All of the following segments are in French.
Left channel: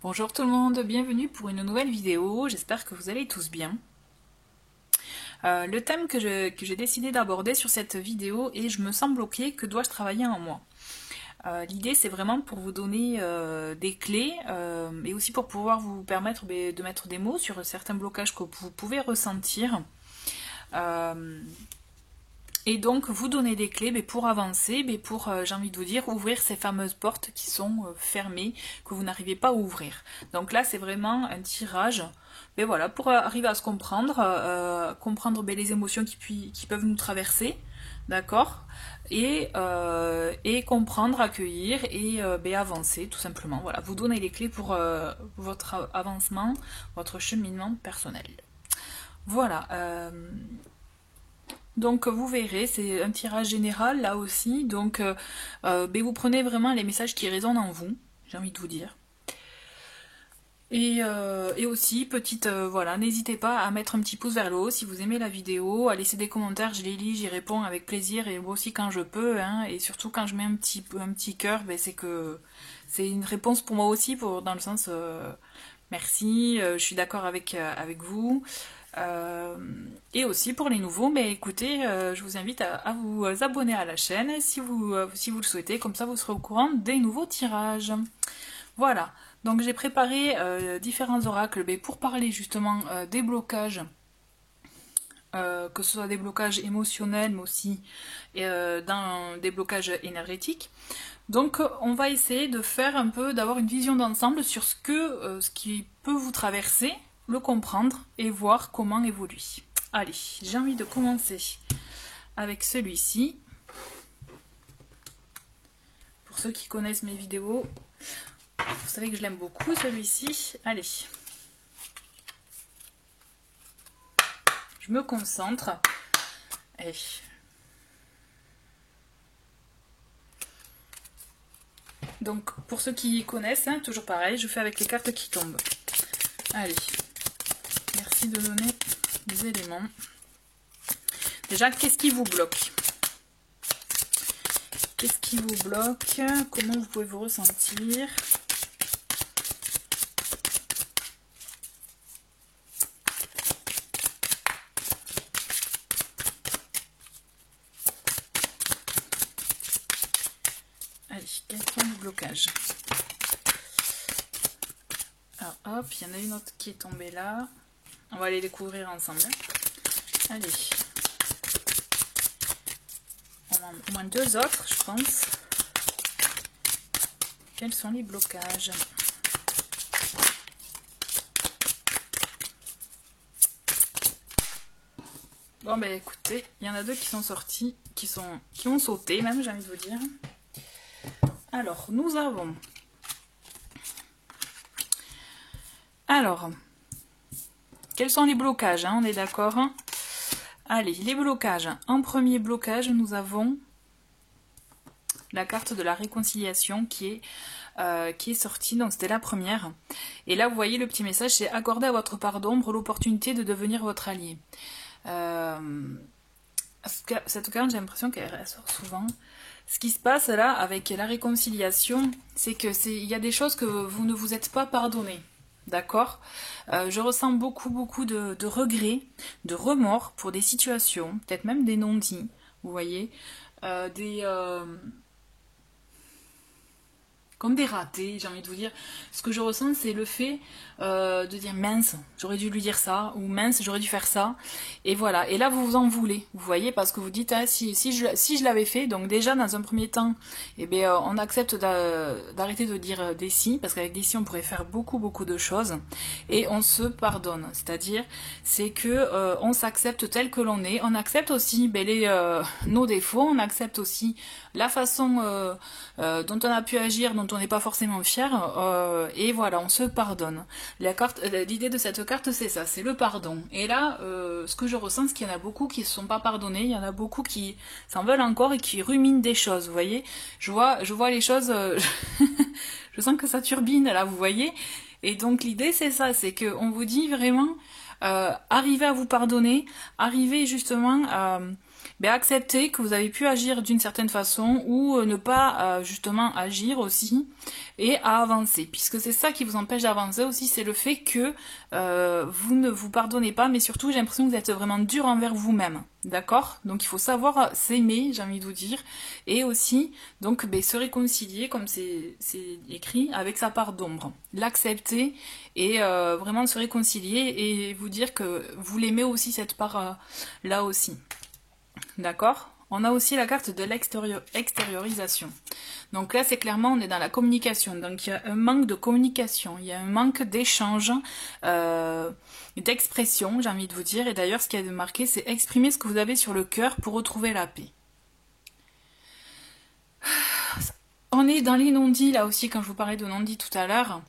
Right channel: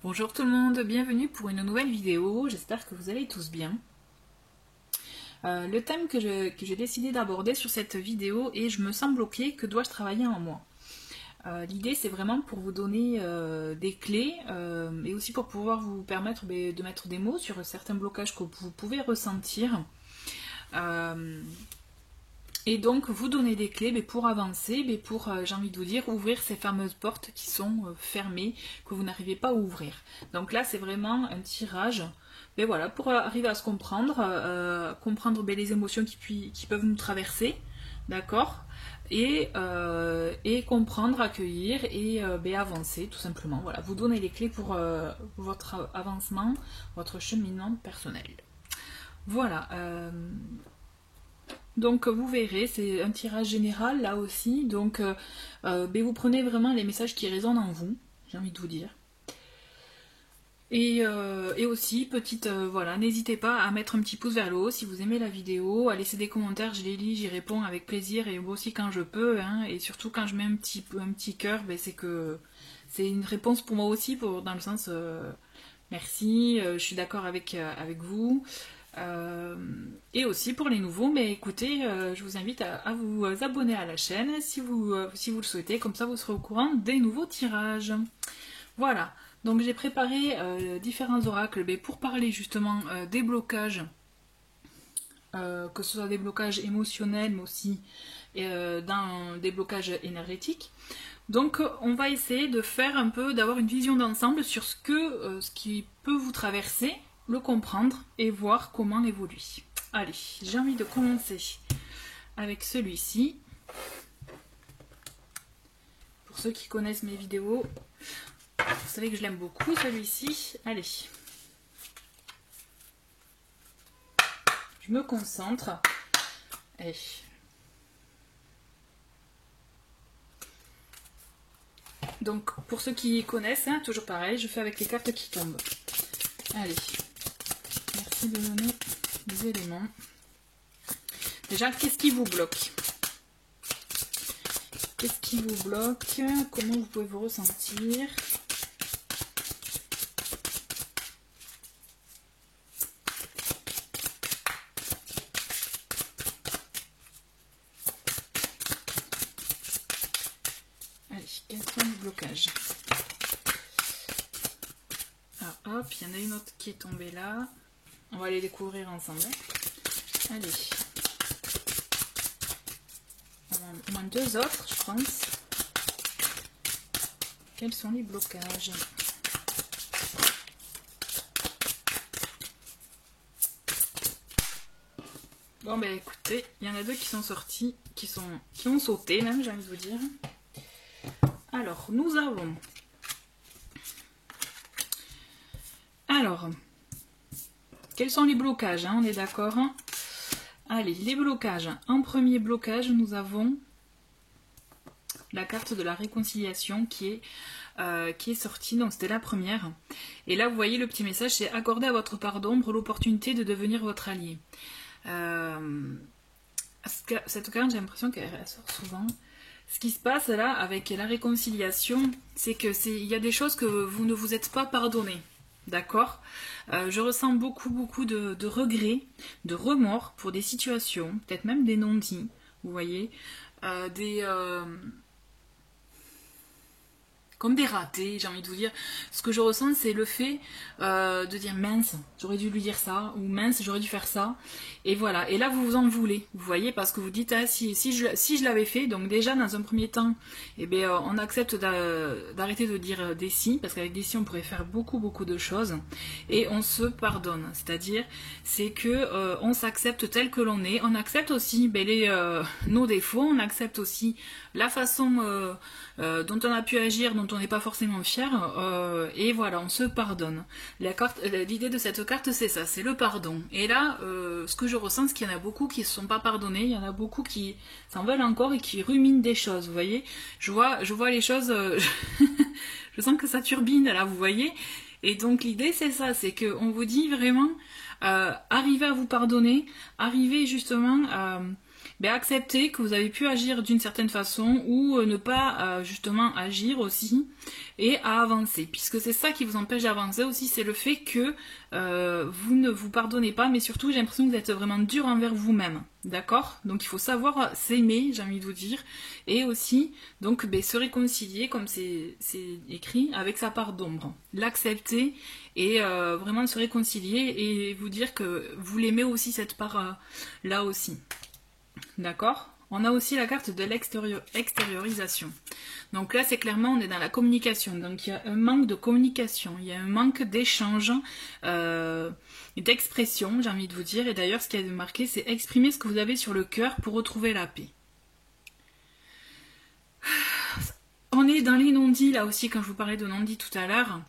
Bonjour tout le monde, bienvenue pour une nouvelle vidéo, j'espère que vous allez tous bien. Le thème que j'ai décidé d'aborder sur cette vidéo est je me sens bloquée, que dois-je travailler en moi? L'idée c'est vraiment pour vous donner des clés et aussi pour pouvoir vous permettre de mettre des mots sur certains blocages que vous pouvez ressentir. Et donc vous donner des clés pour avancer, pour, j'ai envie de vous dire, ouvrir ces fameuses portes qui sont fermées, que vous n'arrivez pas à ouvrir. Donc là c'est vraiment un tirage, voilà, pour arriver à se comprendre, comprendre les émotions qui peuvent nous traverser, d'accord, et comprendre, accueillir et avancer tout simplement. Voilà, vous donner les clés pour votre avancement, votre cheminement personnel. Voilà. Donc vous verrez, c'est un tirage général là aussi, donc vous prenez vraiment les messages qui résonnent en vous, j'ai envie de vous dire. Et aussi, petite, voilà, n'hésitez pas à mettre un petit pouce vers le haut si vous aimez la vidéo, à laisser des commentaires, je les lis, j'y réponds avec plaisir et aussi quand je peux, hein, et surtout quand je mets un petit cœur, c'est que c'est une réponse pour moi aussi, dans le sens merci, je suis d'accord avec vous. Et aussi pour les nouveaux, écoutez, je vous invite à vous abonner à la chaîne si vous le souhaitez, comme ça vous serez au courant des nouveaux tirages. Voilà, donc j'ai préparé différents oracles pour parler justement des blocages, que ce soit des blocages émotionnels, mais aussi dans des blocages énergétiques. Donc on va essayer de faire un peu, d'avoir une vision d'ensemble sur ce qui peut vous traverser, le comprendre et voir comment évoluer. Allez, j'ai envie de commencer avec celui-ci. Pour ceux qui connaissent mes vidéos, vous savez que je l'aime beaucoup celui-ci. Allez. Je me concentre. Allez. Donc pour ceux qui connaissent, hein, toujours pareil, je fais avec les cartes qui tombent. Allez. Merci de donner des éléments. Déjà, qu'est-ce qui vous bloque? Qu'est-ce qui vous bloque? Comment vous pouvez vous ressentir? Allez, quels sont les blocages? Ah, hop, il y en a une autre qui est tombée là. On va aller les couvrir ensemble. Allez. Au moins deux autres, je pense. Quels sont les blocages? Bon, écoutez, il y en a deux qui sont sortis, qui ont sauté même, j'ai envie de vous dire. Alors, nous avons... Alors, quels sont les blocages, hein, on est d'accord? Allez, les blocages. En premier blocage, nous avons la carte de la réconciliation qui est sortie, donc c'était la première. Et là, vous voyez le petit message, c'est accorder à votre part d'ombre l'opportunité de devenir votre allié. Cette carte, j'ai l'impression qu'elle ressort souvent. Ce qui se passe là, avec la réconciliation, c'est que il y a des choses que vous ne vous êtes pas pardonné. D'accord, je ressens beaucoup de regrets, de remords pour des situations, peut-être même des non-dits, vous voyez, comme des ratés, j'ai envie de vous dire. Ce que je ressens, c'est le fait de dire mince, j'aurais dû lui dire ça, ou mince, j'aurais dû faire ça. Et voilà. Et là, vous vous en voulez, vous voyez, parce que vous dites, ah, si je l'avais fait, donc déjà, dans un premier temps, on accepte d'arrêter de dire des si, parce qu'avec des si, on pourrait faire beaucoup de choses, et on se pardonne. C'est-à-dire, c'est que on s'accepte tel que l'on est, on accepte aussi nos défauts, on accepte aussi la façon dont on a pu agir, dont on n'est pas forcément fier, et voilà, on se pardonne. L'idée de cette carte, c'est ça, c'est le pardon. Et là, ce que je ressens, c'est qu'il y en a beaucoup qui ne se sont pas pardonnés, il y en a beaucoup qui s'en veulent encore et qui ruminent des choses, vous voyez. Je vois les choses, je sens que ça turbine, là, vous voyez. Et donc l'idée, c'est ça, c'est qu'on vous dit vraiment, arrivez à vous pardonner, arrivez justement ben, accepter que vous avez pu agir d'une certaine façon ou ne pas justement agir aussi et à avancer. Puisque c'est ça qui vous empêche d'avancer aussi, c'est le fait que vous ne vous pardonnez pas, mais surtout j'ai l'impression que vous êtes vraiment dur envers vous-même. D'accord? Donc il faut savoir s'aimer, j'ai envie de vous dire, et aussi donc ben, se réconcilier, comme c'est écrit, avec sa part d'ombre. L'accepter et vraiment se réconcilier et vous dire que vous l'aimez aussi, cette part là aussi. D'accord? On a aussi la carte de l'extériorisation. Donc là, c'est clairement, on est dans la communication. Donc il y a un manque de communication, il y a un manque d'échange, d'expression, j'ai envie de vous dire. Et d'ailleurs, ce qui est marqué, c'est exprimer ce que vous avez sur le cœur pour retrouver la paix. On est dans les non-dits, là aussi, quand je vous parlais de non-dits tout à l'heure.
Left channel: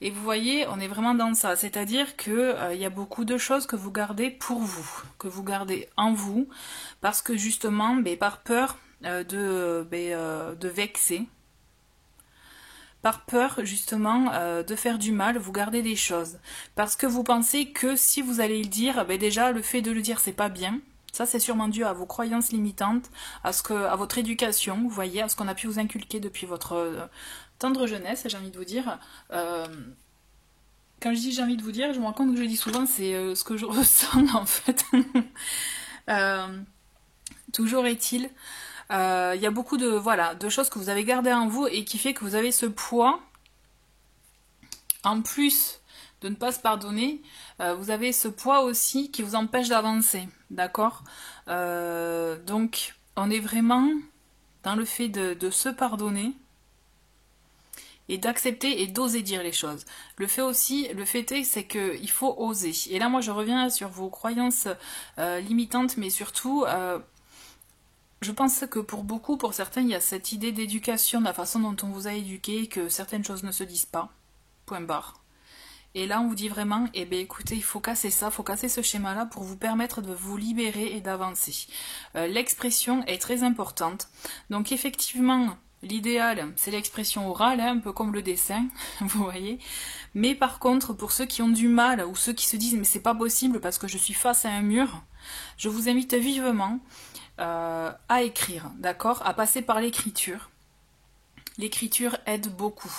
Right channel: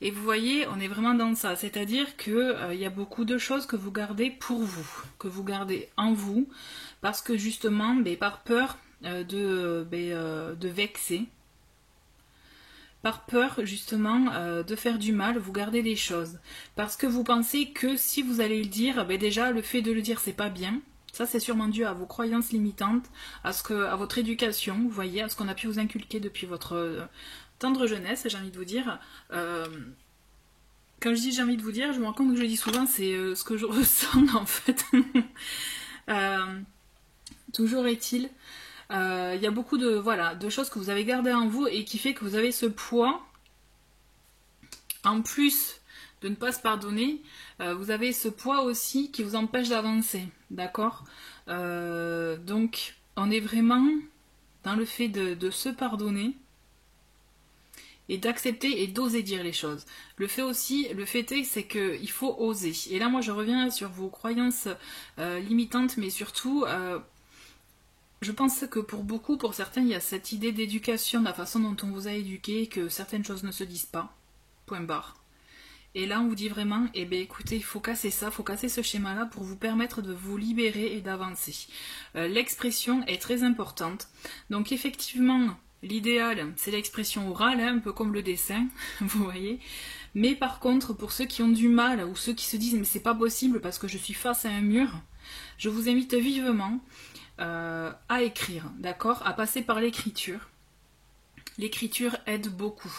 Et vous voyez, on est vraiment dans ça. C'est-à-dire qu'il y a beaucoup de choses que vous gardez pour vous, que vous gardez en vous, parce que justement, par peur de vexer, par peur justement de faire du mal, vous gardez des choses. Parce que vous pensez que si vous allez le dire, déjà le fait de le dire, c'est pas bien. Ça, c'est sûrement dû à vos croyances limitantes, à votre éducation, vous voyez, à ce qu'on a pu vous inculquer depuis votre tendre jeunesse, j'ai envie de vous dire. Quand je dis j'ai envie de vous dire, je me rends compte que je le dis souvent, c'est ce que je ressens en fait. Toujours est-il, il y a beaucoup de choses que vous avez gardées en vous et qui fait que vous avez ce poids, en plus de ne pas se pardonner, vous avez ce poids aussi qui vous empêche d'avancer, d'accord? Donc, on est vraiment dans le fait de se pardonner et d'accepter et d'oser dire les choses. Le fait est, c'est qu'il faut oser. Et là, moi, je reviens sur vos croyances limitantes, mais surtout, je pense que pour certains, il y a cette idée d'éducation, de la façon dont on vous a éduqué, que certaines choses ne se disent pas. Point barre. Et là, on vous dit vraiment, écoutez, il faut casser ça, il faut casser ce schéma-là pour vous permettre de vous libérer et d'avancer. L'expression est très importante. Donc, effectivement, l'idéal, c'est l'expression orale, un peu comme le dessin, vous voyez. Mais par contre, pour ceux qui ont du mal, ou ceux qui se disent, mais c'est pas possible parce que je suis face à un mur, je vous invite vivement à écrire, d'accord? À passer par l'écriture. L'écriture aide beaucoup.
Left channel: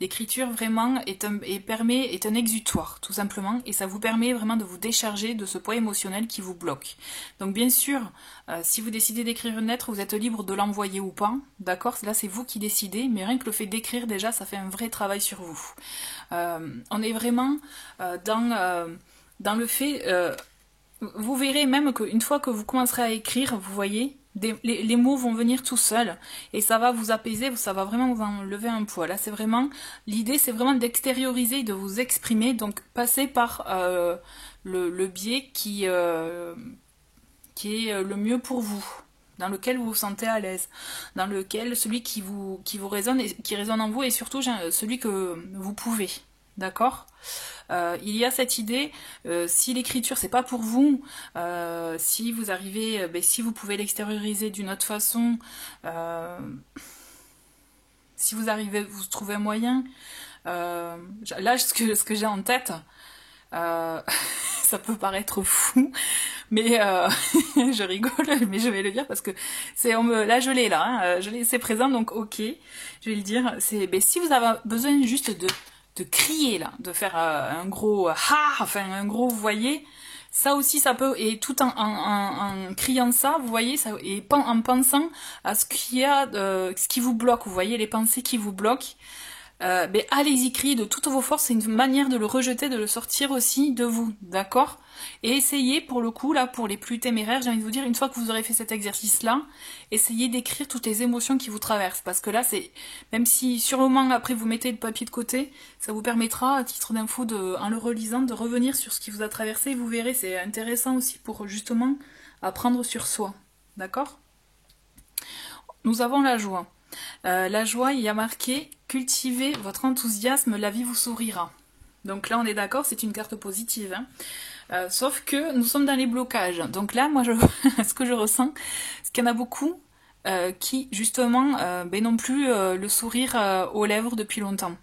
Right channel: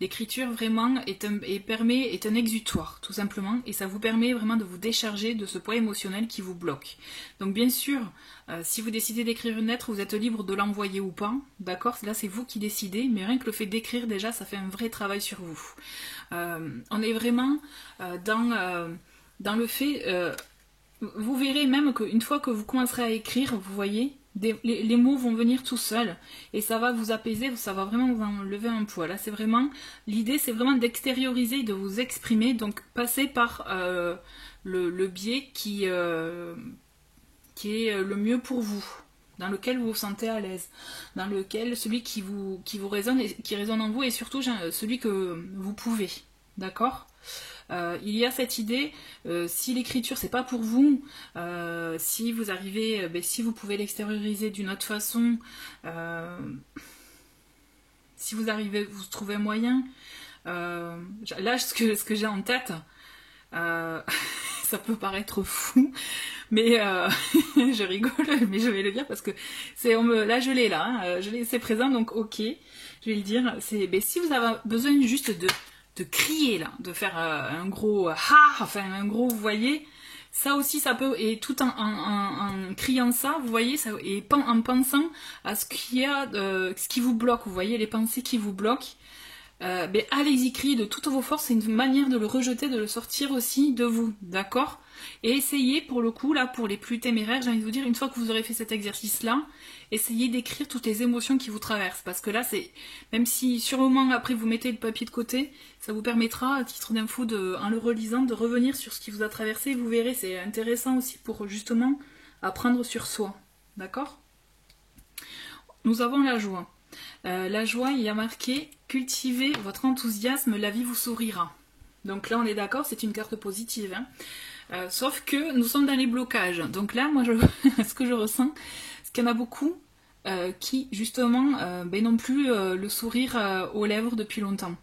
L'écriture vraiment est un exutoire, tout simplement, et ça vous permet vraiment de vous décharger de ce poids émotionnel qui vous bloque. Donc bien sûr, si vous décidez d'écrire une lettre, vous êtes libre de l'envoyer ou pas, d'accord? Là c'est vous qui décidez, mais rien que le fait d'écrire déjà, ça fait un vrai travail sur vous. On est vraiment dans le fait... vous verrez même qu'une fois que vous commencerez à écrire, vous voyez, les mots vont venir tout seuls et ça va vous apaiser, ça va vraiment vous enlever un poids. Là, c'est vraiment l'idée, c'est vraiment d'extérioriser, de vous exprimer, donc passer par le biais qui est le mieux pour vous, dans lequel vous vous sentez à l'aise, dans lequel celui qui vous résonne et qui résonne en vous et surtout celui que vous pouvez, d'accord? Il y a cette idée, si l'écriture c'est pas pour vous, si vous arrivez, si vous pouvez l'extérioriser d'une autre façon, si vous arrivez, vous trouvez un moyen, là ce que j'ai en tête, ça peut paraître fou, mais je rigole, mais je vais le dire parce que là je l'ai là, hein, c'est présent, donc ok, je vais le dire, c'est si vous avez besoin juste de crier là, de faire un gros enfin un gros, vous voyez, ça aussi ça peut, et tout en criant ça, vous voyez, ça, et en pensant à ce qui vous bloque, vous voyez, les pensées qui vous bloquent, allez-y, criez de toutes vos forces, c'est une manière de le rejeter, de le sortir aussi de vous, d'accord? Et essayez, pour le coup, là, pour les plus téméraires, j'ai envie de vous dire, une fois que vous aurez fait cet exercice-là, essayez d'écrire toutes les émotions qui vous traversent, parce que là, c'est, même si sur le moment, après, vous mettez le papier de côté, ça vous permettra, à titre d'info, en le relisant, de revenir sur ce qui vous a traversé, vous verrez, c'est intéressant aussi pour, justement, apprendre sur soi, d'accord? Nous avons la joie. La joie, il y a marqué « Cultivez votre enthousiasme, la vie vous sourira ». Donc là, on est d'accord, c'est une carte positive. Hein. Sauf que nous sommes dans les blocages. Donc là, moi, ce que je ressens, c'est qu'il y en a beaucoup qui, justement, n'ont plus le sourire aux lèvres depuis longtemps.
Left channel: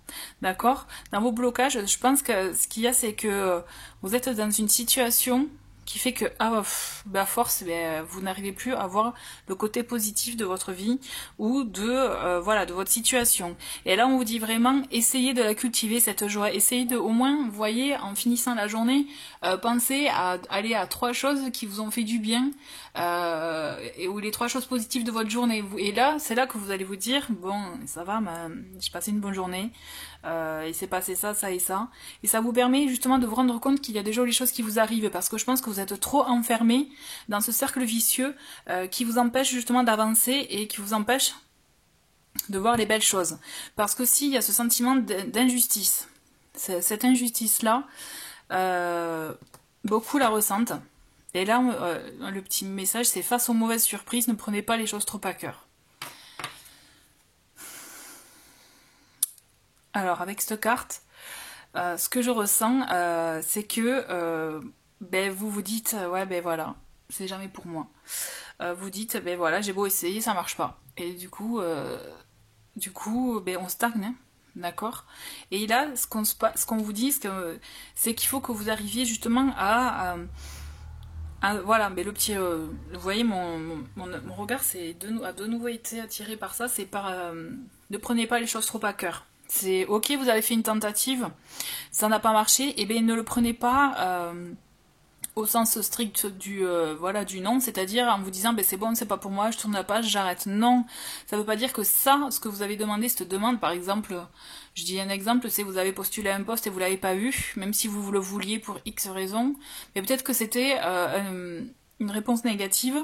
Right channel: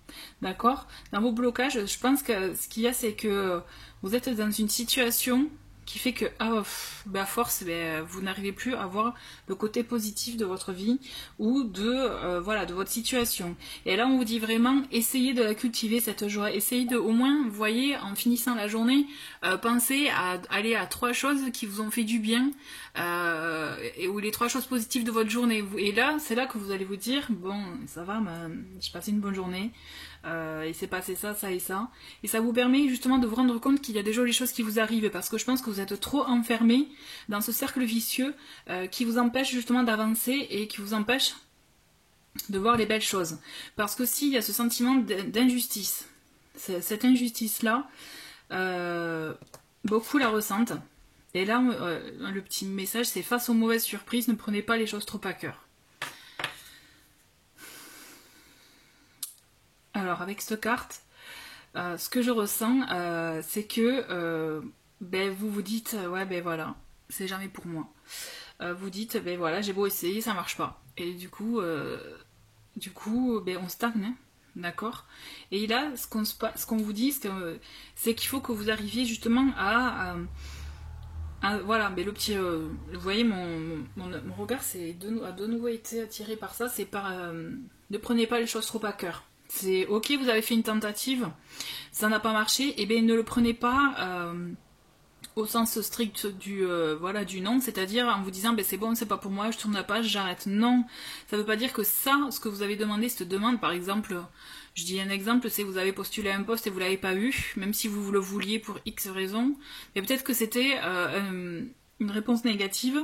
D'accord? Dans vos blocages, je pense que ce qu'il y a, c'est que vous êtes dans une situation qui fait que à force, vous n'arrivez plus à voir le côté positif de votre vie ou de voilà, de votre situation. Et là on vous dit vraiment, essayez de la cultiver cette joie, essayez de au moins, vous voyez, en finissant la journée, pensez à aller à 3 choses qui vous ont fait du bien ou les 3 choses positives de votre journée. Et là c'est là que vous allez vous dire, bon ça va, j'ai passé une bonne journée. Il s'est passé ça, ça et ça. Et ça vous permet justement de vous rendre compte qu'il y a de jolies choses qui vous arrivent, parce que je pense que vous êtes trop enfermé dans ce cercle vicieux qui vous empêche justement d'avancer et qui vous empêche de voir les belles choses. Parce que s'il y a ce sentiment d'injustice, cette injustice-là, beaucoup la ressentent. Et là, le petit message, c'est face aux mauvaises surprises, ne prenez pas les choses trop à cœur. Alors avec cette carte, ce que je ressens, c'est que vous vous dites, ouais ben voilà, c'est jamais pour moi. Vous dites, ben voilà, j'ai beau essayer, ça marche pas. Et du coup on stagne, hein, d'accord. Et là, ce qu'on vous dit, c'est qu'il faut que vous arriviez justement à voilà, mais le petit, vous voyez, mon regard a de nouveau été attiré par ça, c'est par, ne prenez pas les choses trop à cœur. C'est ok, vous avez fait une tentative, ça n'a pas marché, et bien ne le prenez pas au sens strict du non, c'est-à-dire en vous disant ben c'est bon, c'est pas pour moi, je tourne la page, j'arrête. Non, ça veut pas dire que ça, ce que vous avez demandé, cette demande, par exemple, je dis un exemple, c'est vous avez postulé à un poste et vous l'avez pas eu, même si vous le vouliez pour X raison, mais peut-être que c'était une réponse négative.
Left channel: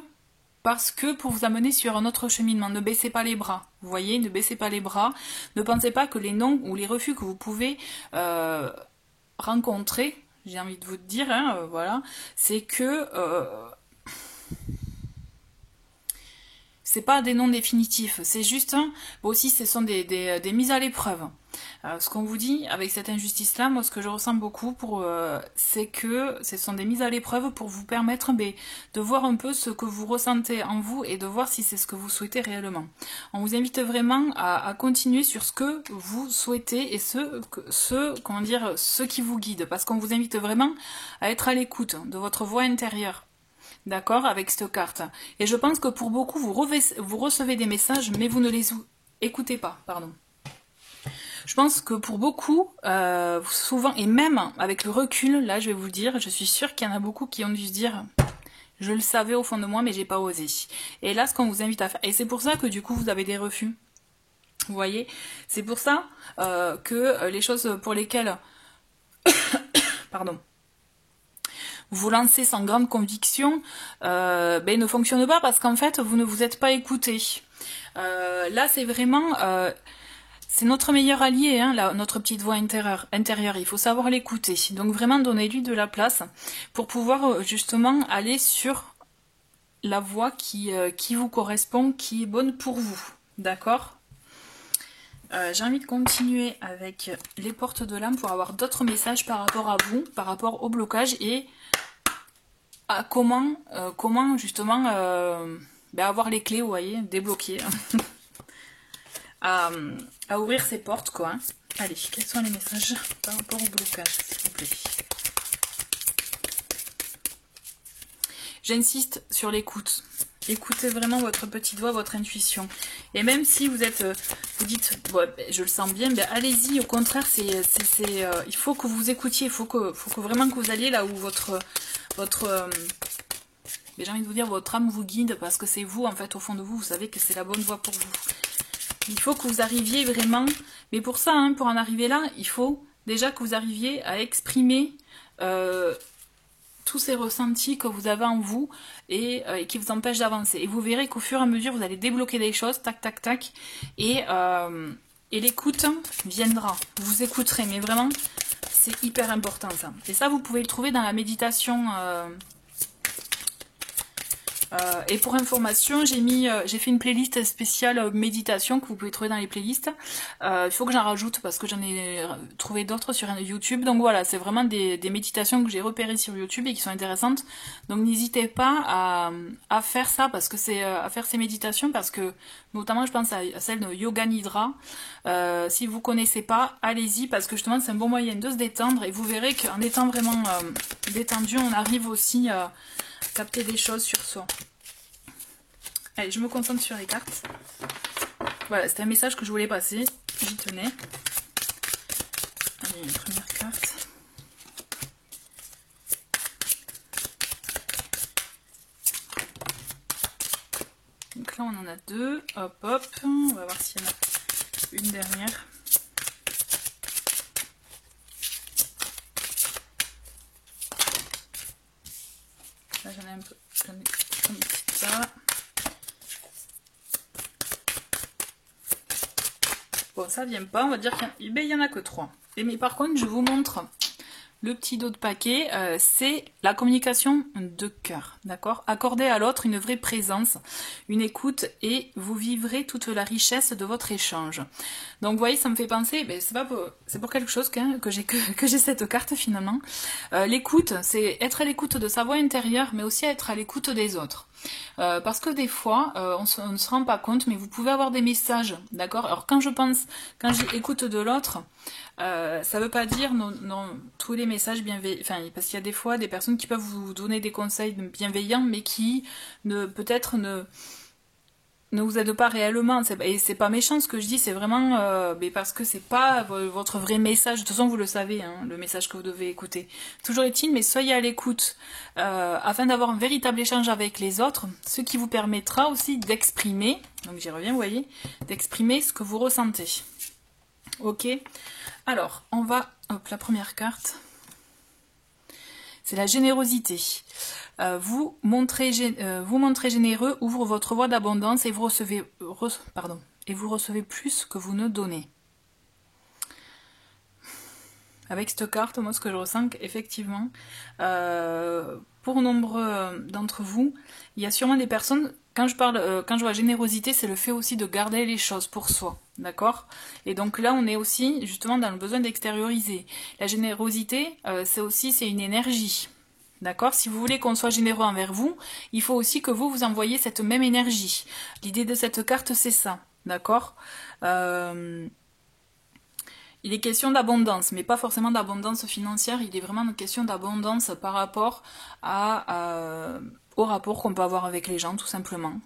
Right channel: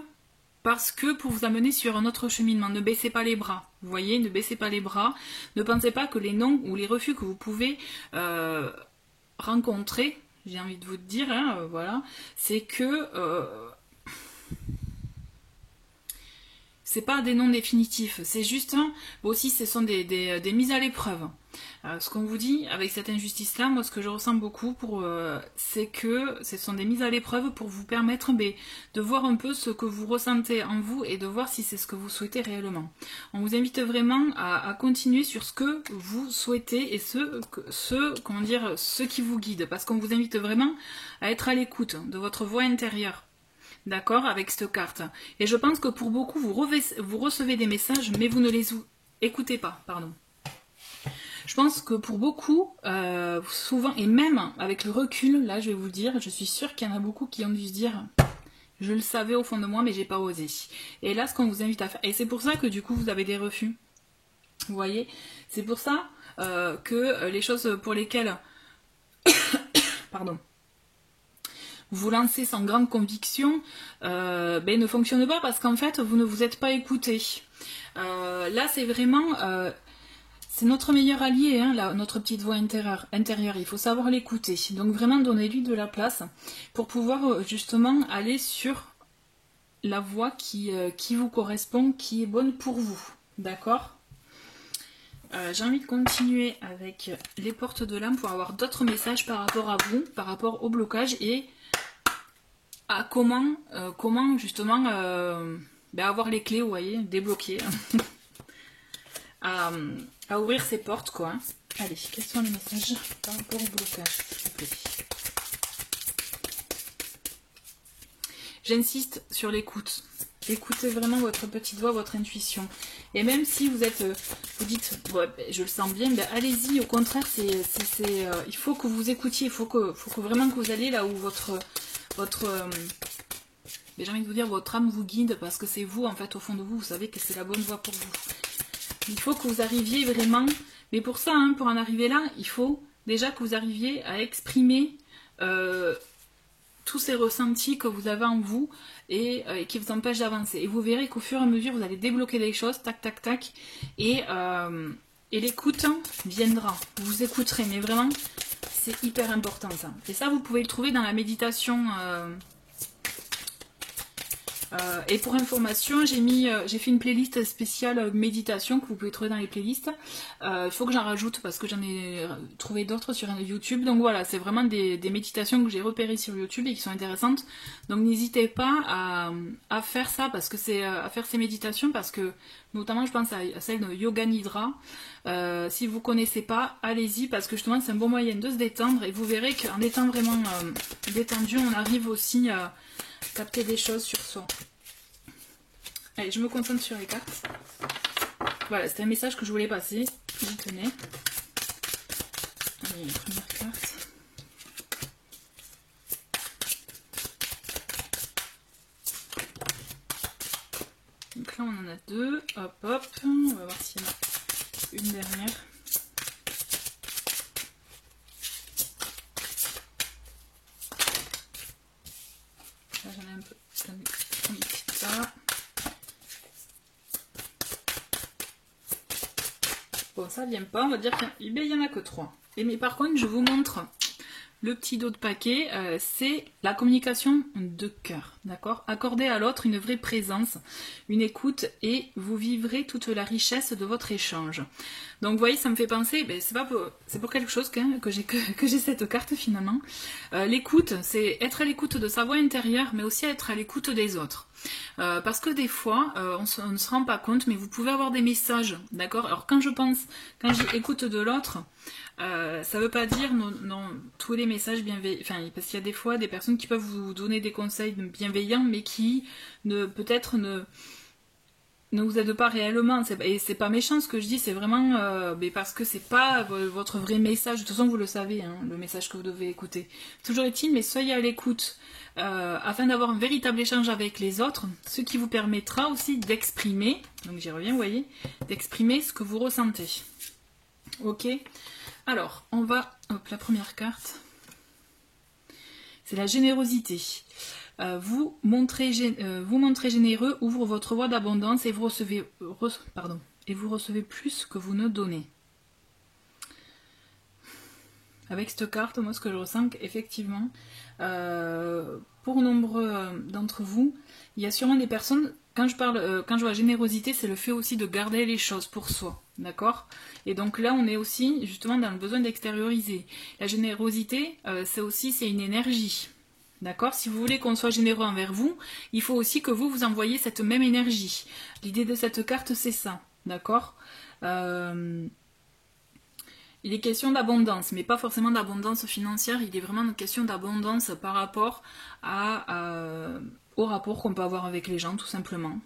Parce que pour vous amener sur un autre cheminement, ne baissez pas les bras. Vous voyez, ne baissez pas les bras. Ne pensez pas que les non ou les refus que vous pouvez rencontrer, j'ai envie de vous dire, hein, voilà, c'est que c'est pas des non définitifs. C'est juste, aussi, ce sont des mises à l'épreuve. Ce qu'on vous dit avec cette injustice-là, moi, ce que je ressens beaucoup, c'est que ce sont des mises à l'épreuve pour vous permettre de voir un peu ce que vous ressentez en vous et de voir si c'est ce que vous souhaitez réellement. On vous invite vraiment à continuer sur ce que vous souhaitez et ce qui vous guide, parce qu'on vous invite vraiment à être à l'écoute de votre voix intérieure. D'accord, avec cette carte. Et je pense que pour beaucoup, vous recevez des messages, mais vous ne les écoutez pas, pardon. Je pense que pour beaucoup, souvent, et même avec le recul, là je vais vous le dire, je suis sûre qu'il y en a beaucoup qui ont dû se dire, je le savais au fond de moi, mais j'ai pas osé. Et là, ce qu'on vous invite à faire, et c'est pour ça que du coup vous avez des refus. Vous voyez, c'est pour ça que les choses pour lesquelles, pardon, vous lancez sans grande conviction, ne fonctionnent pas parce qu'en fait vous ne vous êtes pas écouté. Là c'est vraiment, c'est notre meilleur allié, hein, notre petite voix intérieure. Il faut savoir l'écouter. Donc vraiment donnez-lui de la place pour pouvoir justement aller sur la voie qui vous correspond, qui est bonne pour vous. D'accord ? J'ai envie de continuer avec les portes de l'âme pour avoir d'autres messages par rapport à vous, par rapport au blocage et à comment justement avoir les clés, vous voyez, débloquer, à ouvrir ces portes, quoi. Hein. Allez, quels sont les messages par rapport au blocage, s'il vous plaît? J'insiste sur l'écoute. Écoutez vraiment votre petite voix, votre intuition. Et même si vous dites, ouais, je le sens bien, allez-y. Au contraire, il faut que vous écoutiez. Il faut que vraiment que vous alliez là où j'ai envie de vous dire, votre âme vous guide, parce que c'est vous, en fait, au fond de vous, vous savez que c'est la bonne voie pour vous. Il faut que vous arriviez vraiment, mais pour ça, pour en arriver là, il faut déjà que vous arriviez à exprimer tous ces ressentis que vous avez en vous et qui vous empêchent d'avancer. Et vous verrez qu'au fur et à mesure, vous allez débloquer des choses, tac, tac, tac, et l'écoute viendra. Vous écouterez, mais vraiment, c'est hyper important ça. Et ça, vous pouvez le trouver dans la méditation Et pour information, j'ai fait une playlist spéciale méditation que vous pouvez trouver dans les playlists. Il faut que j'en rajoute parce que j'en ai trouvé d'autres sur YouTube. Donc voilà, c'est vraiment des méditations que j'ai repérées sur YouTube et qui sont intéressantes. Donc n'hésitez pas à faire ça parce que à faire ces méditations parce que notamment je pense à celle de Yoga Nidra. Si vous ne connaissez pas, allez-y parce que justement c'est un bon moyen de se détendre et vous verrez qu'en étant vraiment détendu, on arrive aussi à capter des choses sur soi. Allez, je me concentre sur les cartes. Voilà, c'était un message que je voulais passer. J'y tenais. Allez, première carte. Donc là, on en a deux. Hop, hop. On va voir s'il y en a une dernière. Là, j'en ai un peu. J'en ai mis ça. Bon, ça vient pas. On va dire qu'il y en a que 3. Mais par contre, je vous montre le petit dos de paquet. C'est la communication de cœur. D'accord? Accorder à l'autre une vraie présence, une écoute et vous vivrez toute la richesse de votre échange. Donc vous voyez, ça me fait penser, c'est pour quelque chose que j'ai cette carte finalement. L'écoute, c'est être à l'écoute de sa voix intérieure, mais aussi être à l'écoute des autres. Parce que des fois, on ne se rend pas compte, mais vous pouvez avoir des messages, d'accord? Alors quand j'écoute de l'autre, ça ne veut pas dire non, tous les messages bienveillants, enfin, parce qu'il y a des fois des personnes qui peuvent vous donner des conseils bienveillants, mais qui peut-être ne vous aide pas réellement. Et c'est pas méchant ce que je dis, c'est vraiment parce que c'est pas votre vrai message. De toute façon, vous le savez, hein, le message que vous devez écouter. Toujours est-il, mais soyez à l'écoute afin d'avoir un véritable échange avec les autres, ce qui vous permettra aussi d'exprimer, donc j'y reviens, vous voyez, d'exprimer ce que vous ressentez. Ok. Alors, on va... Hop, la première carte. C'est la générosité. Vous montrez généreux, ouvre votre voie d'abondance et vous recevez plus que vous ne donnez. Avec cette carte, moi, ce que je ressens, effectivement, pour nombre d'entre vous, il y a sûrement des personnes, quand je vois générosité, c'est le fait aussi de garder les choses pour soi, d'accord? Et donc là, on est aussi, justement, dans le besoin d'extérioriser. La générosité, c'est une énergie. D'accord? Si vous voulez qu'on soit généreux envers vous, il faut aussi que vous envoyiez cette même énergie. L'idée de cette carte, c'est ça. D'accord? Il est question d'abondance, mais pas forcément d'abondance financière. Il est vraiment une question d'abondance par rapport au rapport qu'on peut avoir avec les gens, tout simplement.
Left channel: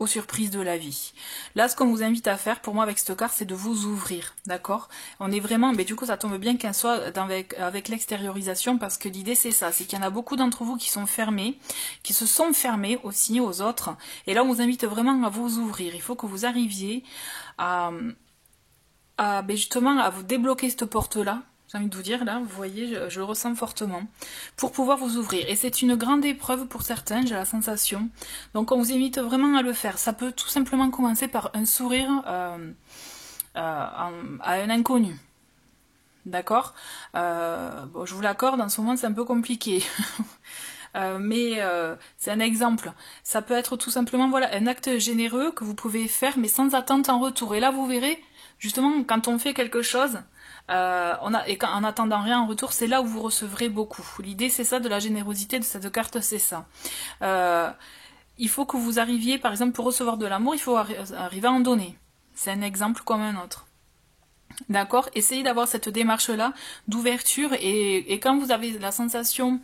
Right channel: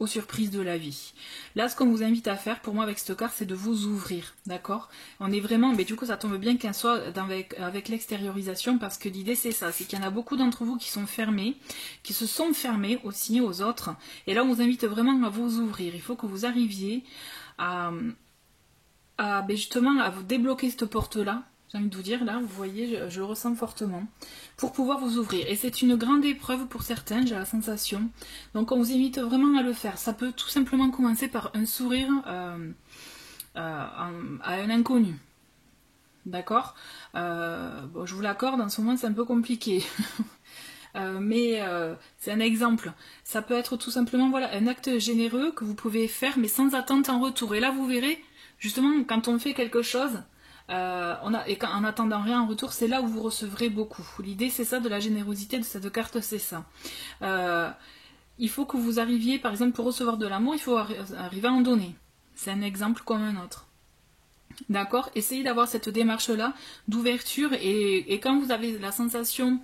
Aux surprises de la vie. Là, ce qu'on vous invite à faire, pour moi, avec cette carte, c'est de vous ouvrir, d'accord? On est vraiment, mais du coup, ça tombe bien qu'elle soit avec l'extériorisation, parce que l'idée, c'est ça, c'est qu'il y en a beaucoup d'entre vous qui sont fermés, qui se sont fermés aussi aux autres, et là, on vous invite vraiment à vous ouvrir. Il faut que vous arriviez justement, à vous débloquer cette porte-là, j'ai envie de vous dire, là, vous voyez, je le ressens fortement, pour pouvoir vous ouvrir. Et c'est une grande épreuve pour certains, j'ai la sensation. Donc on vous invite vraiment à le faire. Ça peut tout simplement commencer par un sourire à un inconnu. D'accord? Bon, je vous l'accorde, en ce moment c'est un peu compliqué. Mais c'est un exemple. Ça peut être tout simplement voilà, un acte généreux que vous pouvez faire, mais sans attente en retour. Et là, vous verrez, justement, quand on fait quelque chose... en attendant rien en retour, c'est là où vous recevrez beaucoup. L'idée, c'est ça, de la générosité de cette carte, c'est ça. Il faut que vous arriviez, par exemple, pour recevoir de l'amour, il faut arriver à en donner. C'est un exemple comme un autre. D'accord? Essayez d'avoir cette démarche-là d'ouverture et quand vous avez la sensation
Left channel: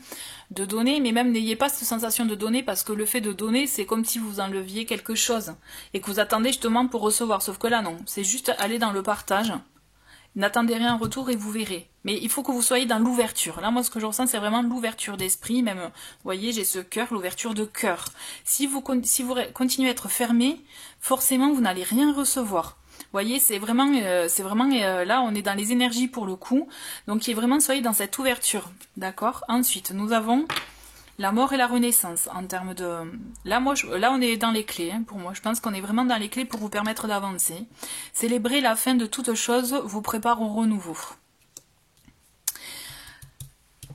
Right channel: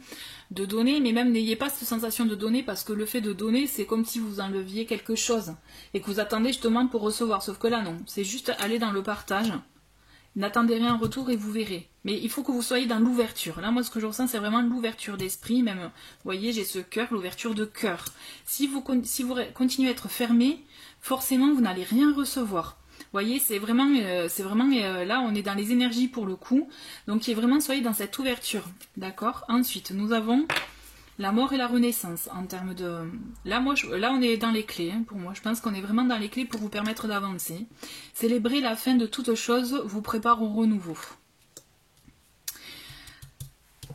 de donner, mais même n'ayez pas cette sensation de donner parce que le fait de donner, c'est comme si vous enleviez quelque chose et que vous attendez justement pour recevoir. Sauf que là, non. C'est juste aller dans le partage. N'attendez rien en retour et vous verrez. Mais il faut que vous soyez dans l'ouverture. Là, moi, ce que je ressens, c'est vraiment l'ouverture d'esprit. Même, vous voyez, j'ai ce cœur, l'ouverture de cœur. Si vous continuez à être fermé, forcément, vous n'allez rien recevoir. Vous voyez, c'est vraiment là, on est dans les énergies pour le coup. Donc, soyez dans cette ouverture. D'accord? Ensuite, nous avons la mort et la renaissance en termes de... Là, on est dans les clés, hein, pour moi. Je pense qu'on est vraiment dans les clés pour vous permettre d'avancer. Célébrer la fin de toute chose vous prépare au renouveau.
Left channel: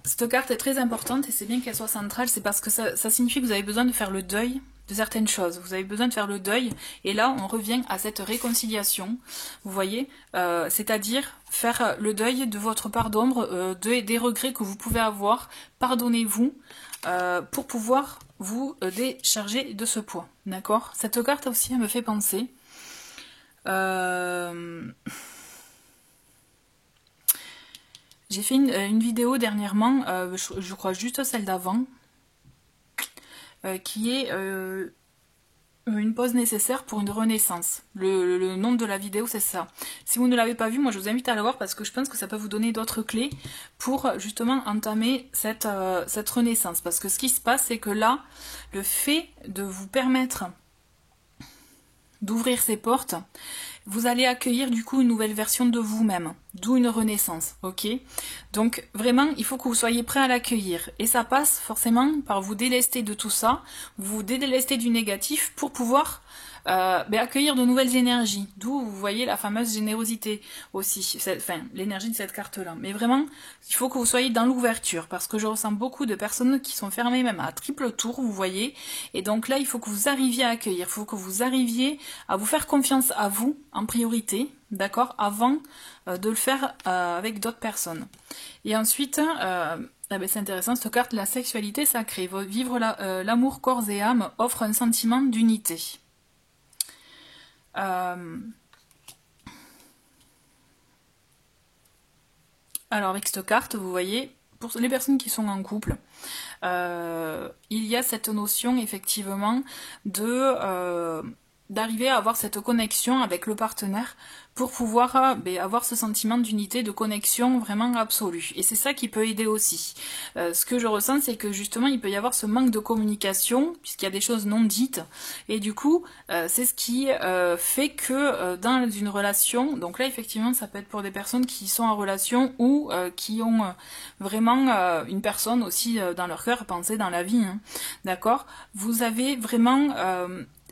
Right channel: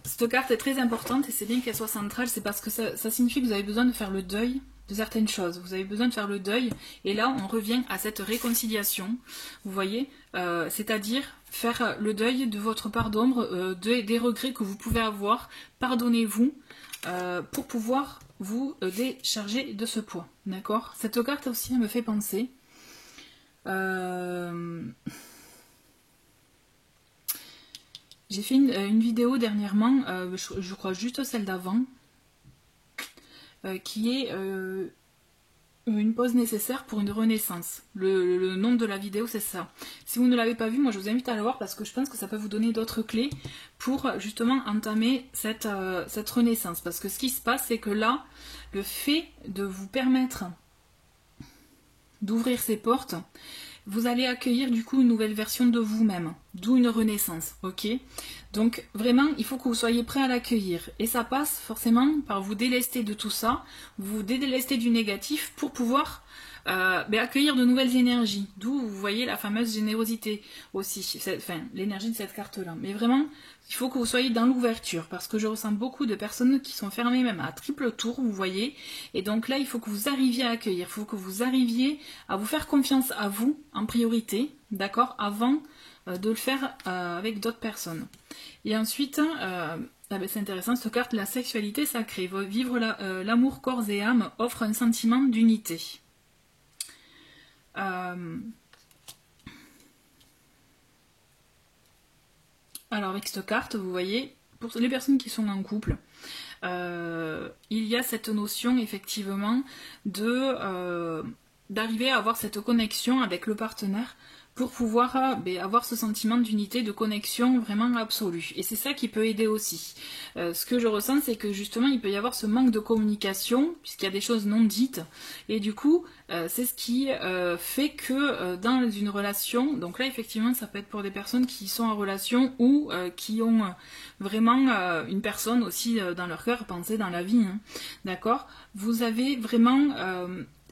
Cette carte est très importante et c'est bien qu'elle soit centrale, c'est parce que ça signifie que vous avez besoin de faire le deuil de certaines choses. Vous avez besoin de faire le deuil et là on revient à cette réconciliation, vous voyez, c'est-à-dire faire le deuil de votre part d'ombre, des regrets que vous pouvez avoir, pardonnez-vous pour pouvoir vous décharger de ce poids, d'accord? Cette carte aussi elle me fait penser... J'ai fait une vidéo dernièrement, je crois juste celle d'avant, qui est une pause nécessaire pour une renaissance. Le nom de la vidéo c'est ça. Si vous ne l'avez pas vu, moi je vous invite à la voir parce que je pense que ça peut vous donner d'autres clés pour justement entamer cette renaissance. Parce que ce qui se passe c'est que là, le fait de vous permettre d'ouvrir ces portes, vous allez accueillir du coup une nouvelle version de vous-même, d'où une renaissance, ok? Donc vraiment, il faut que vous soyez prêt à l'accueillir. Et ça passe forcément par vous délester de tout ça, vous délester du négatif pour pouvoir accueillir de nouvelles énergies. D'où vous voyez la fameuse générosité aussi, enfin l'énergie de cette carte-là. Mais vraiment, il faut que vous soyez dans l'ouverture, parce que je ressens beaucoup de personnes qui sont fermées même à triple tour, vous voyez. Et donc là, il faut que vous arriviez à accueillir, il faut que vous arriviez à vous faire confiance à vous en priorité, d'accord, avant de le faire avec d'autres personnes. Et ensuite, c'est intéressant, cette carte, la sexualité sacrée, vivre l'amour corps et âme offre un sentiment d'unité. Alors avec cette carte, vous voyez, pour les personnes qui sont en couple, il y a cette notion effectivement d'arriver à avoir cette connexion avec le partenaire pour pouvoir avoir ce sentiment d'unité, de connexion vraiment absolue. Et c'est ça qui peut aider aussi. Ce que je ressens, c'est que justement, il peut y avoir ce manque de communication, puisqu'il y a des choses non dites. Et du coup, c'est ce qui fait que dans une relation, donc là, effectivement, ça peut être pour des personnes qui sont en relation ou qui ont vraiment une personne aussi dans leur cœur, pensée dans la vie. Hein, d'accord? Vous avez vraiment...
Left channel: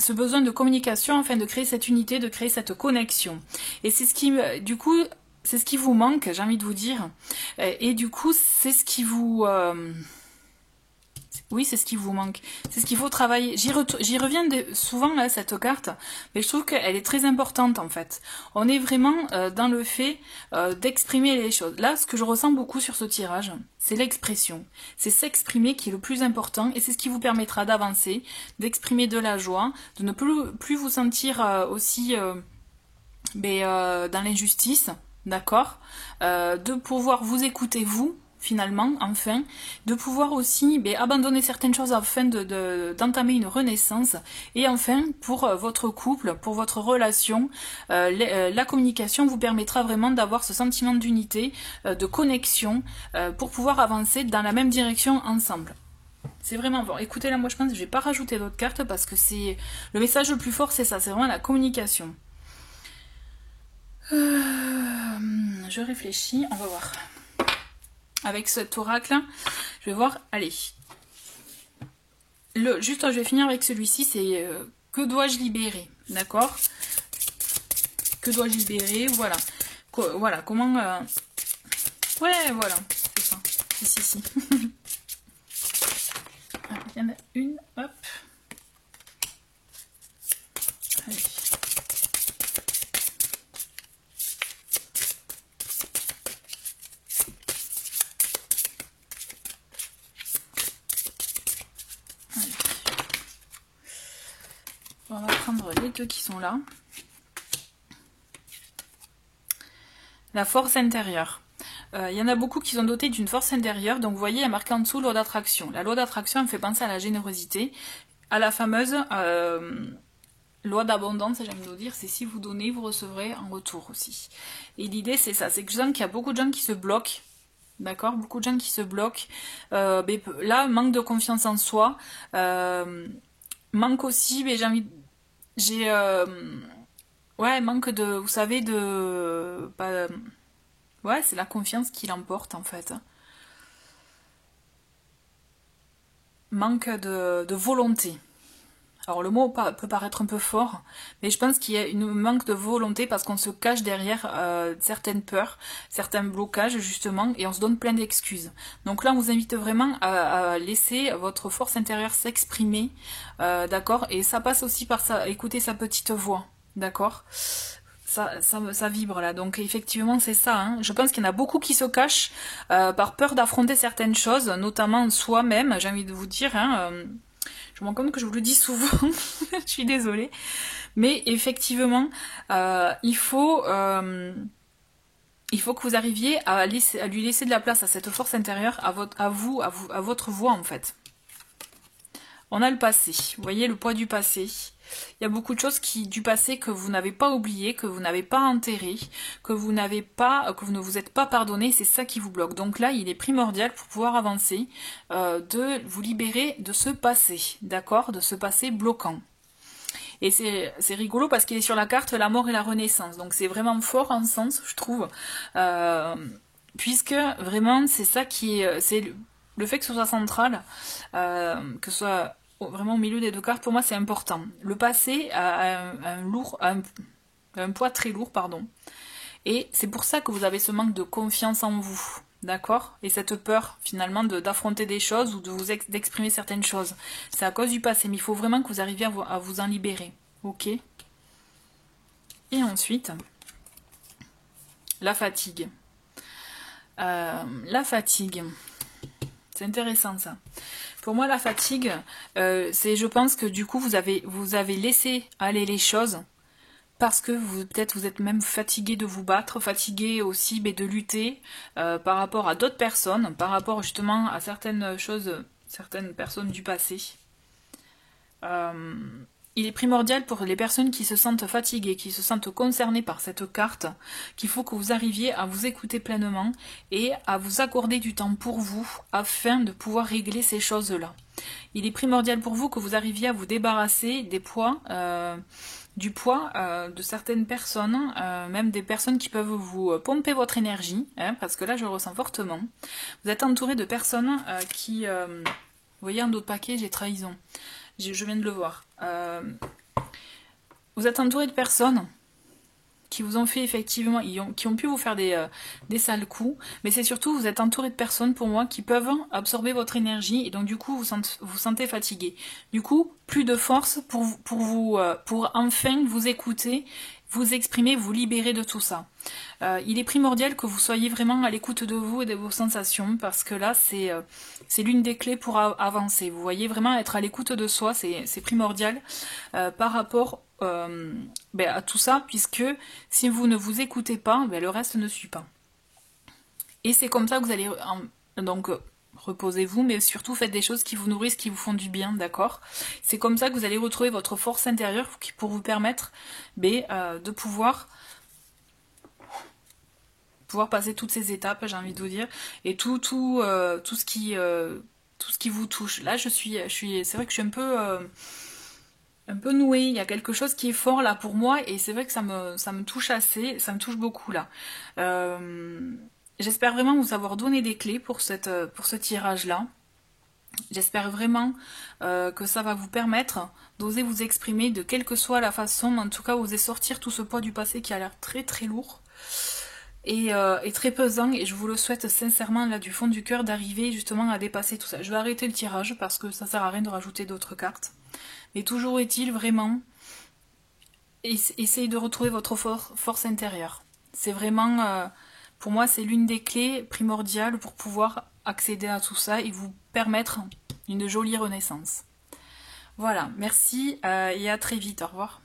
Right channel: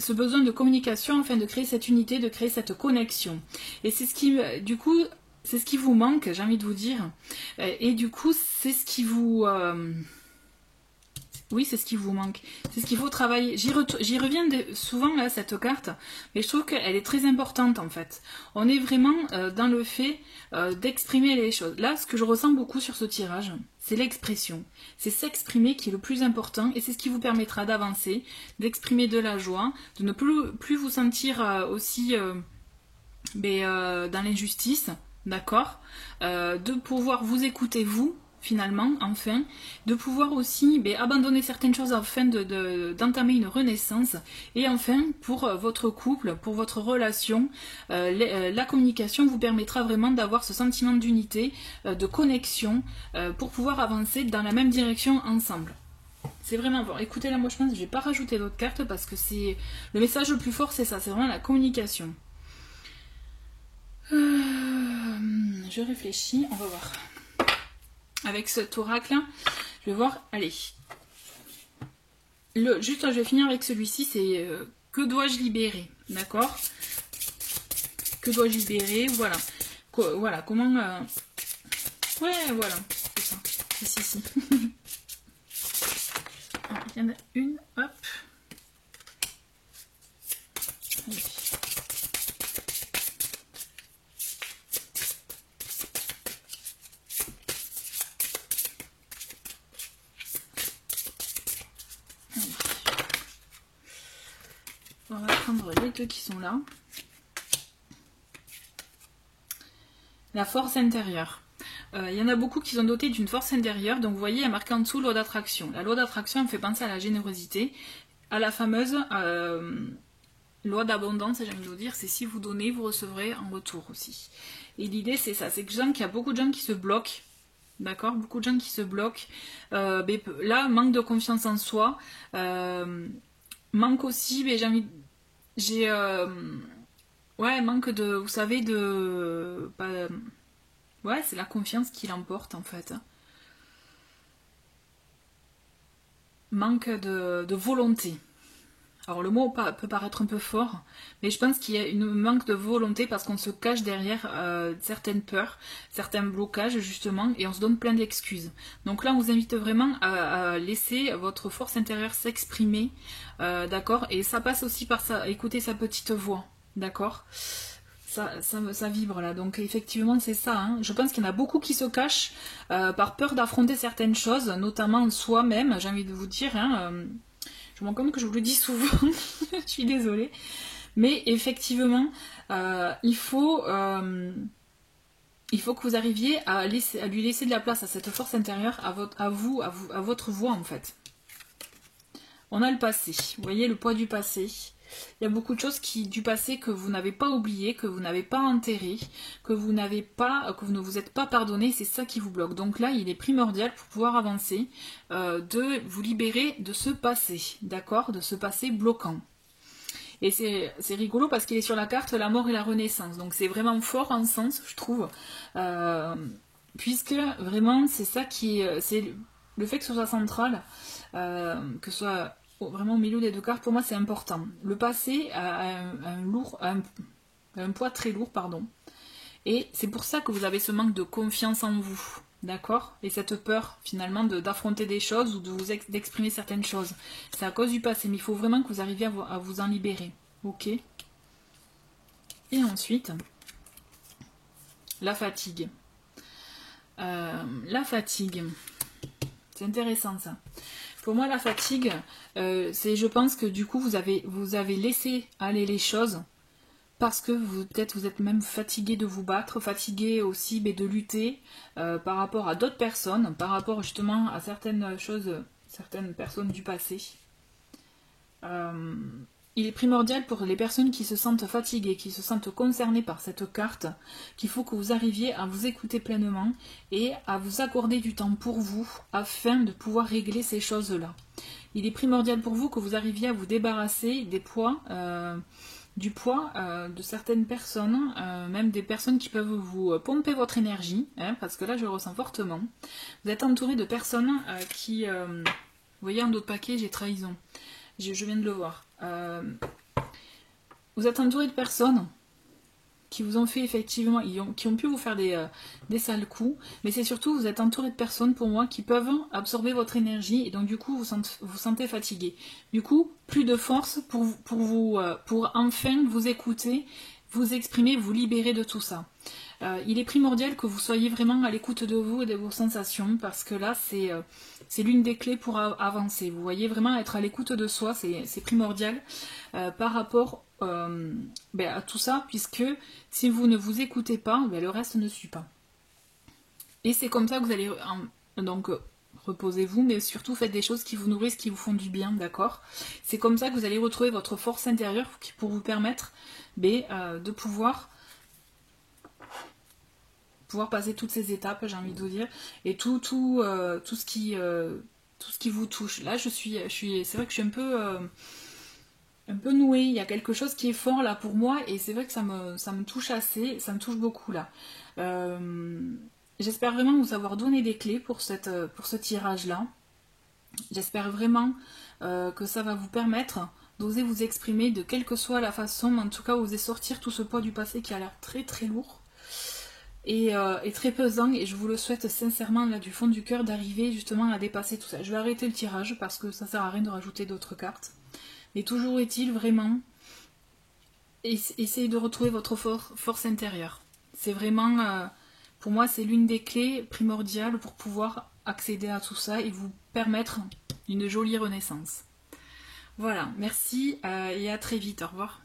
ce besoin de communication afin de créer cette unité, de créer cette connexion. Et c'est ce qui, du coup, c'est ce qui vous manque, j'ai envie de vous dire. Et du coup, c'est ce qui vous... Oui, c'est ce qui vous manque. C'est ce qu'il faut travailler. J'y reviens souvent à cette carte, mais je trouve qu'elle est très importante en fait. On est vraiment dans le fait d'exprimer les choses. Là, ce que je ressens beaucoup sur ce tirage, c'est l'expression. C'est s'exprimer qui est le plus important et c'est ce qui vous permettra d'avancer, d'exprimer de la joie, de ne plus vous sentir aussi dans l'injustice, d'accord, de pouvoir vous écouter vous, finalement, enfin, de pouvoir aussi abandonner certaines choses afin d'entamer une renaissance, et enfin, pour votre couple, pour votre relation, la communication vous permettra vraiment d'avoir ce sentiment d'unité, de connexion, pour pouvoir avancer dans la même direction ensemble. C'est vraiment bon. Écoutez, là, moi, je pense que je ne vais pas rajouter d'autres cartes, parce que c'est le message le plus fort, c'est ça, c'est vraiment la communication. Je réfléchis, on va voir. Avec cet oracle, je vais voir, allez. Juste, je vais finir avec celui-ci, c'est que dois-je libérer, d'accord? Que dois-je libérer, voilà. Voilà, comment... Ouais, voilà, c'est ça, ici. Il y en a une, hop. Allez. On va prendre les deux qui sont là. La force intérieure. Il y en a beaucoup qui sont dotés d'une force intérieure. Donc vous voyez, il y a marqué en dessous loi d'attraction. La loi d'attraction me fait penser à la générosité, à la fameuse loi d'abondance, j'aime vous dire, c'est si vous donnez, vous recevrez en retour aussi. Et l'idée c'est ça, c'est que je sens qu'il y a beaucoup de gens qui se bloquent. D'accord, beaucoup de gens qui se bloquent. Là, manque de confiance en soi. Manque aussi, mais ouais, manque de, vous savez, ouais, c'est la confiance qui l'emporte en fait. Manque de volonté. alors le mot peut paraître un peu fort, mais je pense qu'il y a une manque de volonté parce qu'on se cache derrière certaines peurs, certains blocages justement, et on se donne plein d'excuses. Donc là on vous invite vraiment à laisser votre force intérieure s'exprimer, d'accord, et ça passe aussi par ça, écouter sa petite voix, d'accord. Ça vibre là, donc effectivement c'est ça, hein. Je pense qu'il y en a beaucoup qui se cachent par peur d'affronter certaines choses, notamment soi-même, j'ai envie de vous dire, hein, je me rends compte que je vous le dis souvent, je suis désolée, mais effectivement il faut que vous arriviez à lui laisser de la place à cette force intérieure, à votre voix en fait. On a le passé, vous voyez le poids du passé. Il y a beaucoup de choses du passé que vous n'avez pas oublié, que vous n'avez pas enterré, que vous ne vous êtes pas pardonné, c'est ça qui vous bloque. Donc là, il est primordial pour pouvoir avancer, de vous libérer de ce passé, d'accord, de ce passé bloquant. Et c'est rigolo parce qu'il est sur la carte la mort et la renaissance. Donc c'est vraiment fort en sens, je trouve, puisque vraiment c'est ça qui c'est le fait que ce soit central, que ce soit vraiment au milieu des deux cartes, pour moi c'est important. Le passé a un poids très lourd, pardon. Et c'est pour ça que vous avez ce manque de confiance en vous, d'accord? Et cette peur finalement d'affronter des choses ou d'exprimer certaines choses. C'est à cause du passé, mais il faut vraiment que vous arriviez à vous en libérer, ok? Et ensuite, la fatigue. La fatigue, c'est intéressant ça. Pour moi, la fatigue, je pense que du coup, vous avez laissé aller les choses parce que peut-être vous êtes même fatigué de vous battre, fatigué aussi de lutter par rapport à d'autres personnes, par rapport justement à certaines choses, certaines personnes du passé. Il est primordial pour les personnes qui se sentent fatiguées, qui se sentent concernées par cette carte, qu'il faut que vous arriviez à vous écouter pleinement et à vous accorder du temps pour vous afin de pouvoir régler ces choses-là. Il est primordial pour vous que vous arriviez à vous débarrasser des poids, du poids de certaines personnes, même des personnes qui peuvent vous pomper votre énergie, hein, parce que là je le ressens fortement. Vous êtes entouré de personnes qui... vous voyez un autre paquet, j'ai trahison. Je viens de le voir. Vous êtes entouré de personnes qui vous ont fait effectivement, qui ont pu vous faire des sales coups, mais c'est surtout vous êtes entouré de personnes pour moi qui peuvent absorber votre énergie et donc du coup vous sentez fatigué. Du coup, plus de force pour enfin vous écouter, vous exprimer, vous libérer de tout ça. Il est primordial que vous soyez vraiment à l'écoute de vous et de vos sensations parce que là c'est l'une des clés pour avancer. Vous voyez, vraiment être à l'écoute de soi, c'est primordial par rapport à tout ça, puisque si vous ne vous écoutez pas, le reste ne suit pas. Et c'est comme ça que vous allez donc reposez-vous, mais surtout faites des choses qui vous nourrissent, qui vous font du bien, d'accord? C'est comme ça que vous allez retrouver votre force intérieure pour vous permettre de pouvoir passer toutes ces étapes, j'ai envie de vous dire, et tout ce qui vous touche. Là, c'est vrai que je suis un peu nouée, il y a quelque chose qui est fort là pour moi, et c'est vrai que ça me touche assez, ça me touche beaucoup là. J'espère vraiment vous avoir donné des clés pour ce tirage-là. J'espère vraiment que ça va vous permettre d'oser vous exprimer de quelle que soit la façon, en tout cas oser sortir tout ce poids du passé qui a l'air très très lourd. Et très pesant, et je vous le souhaite sincèrement là du fond du cœur d'arriver justement à dépasser tout ça. Je vais arrêter le tirage parce que ça sert à rien de rajouter d'autres cartes, mais toujours est-il vraiment essayez de retrouver votre force intérieure. C'est vraiment pour moi c'est l'une des clés primordiales pour pouvoir accéder à tout ça et vous permettre une jolie renaissance. Voilà, merci et à très vite, au revoir.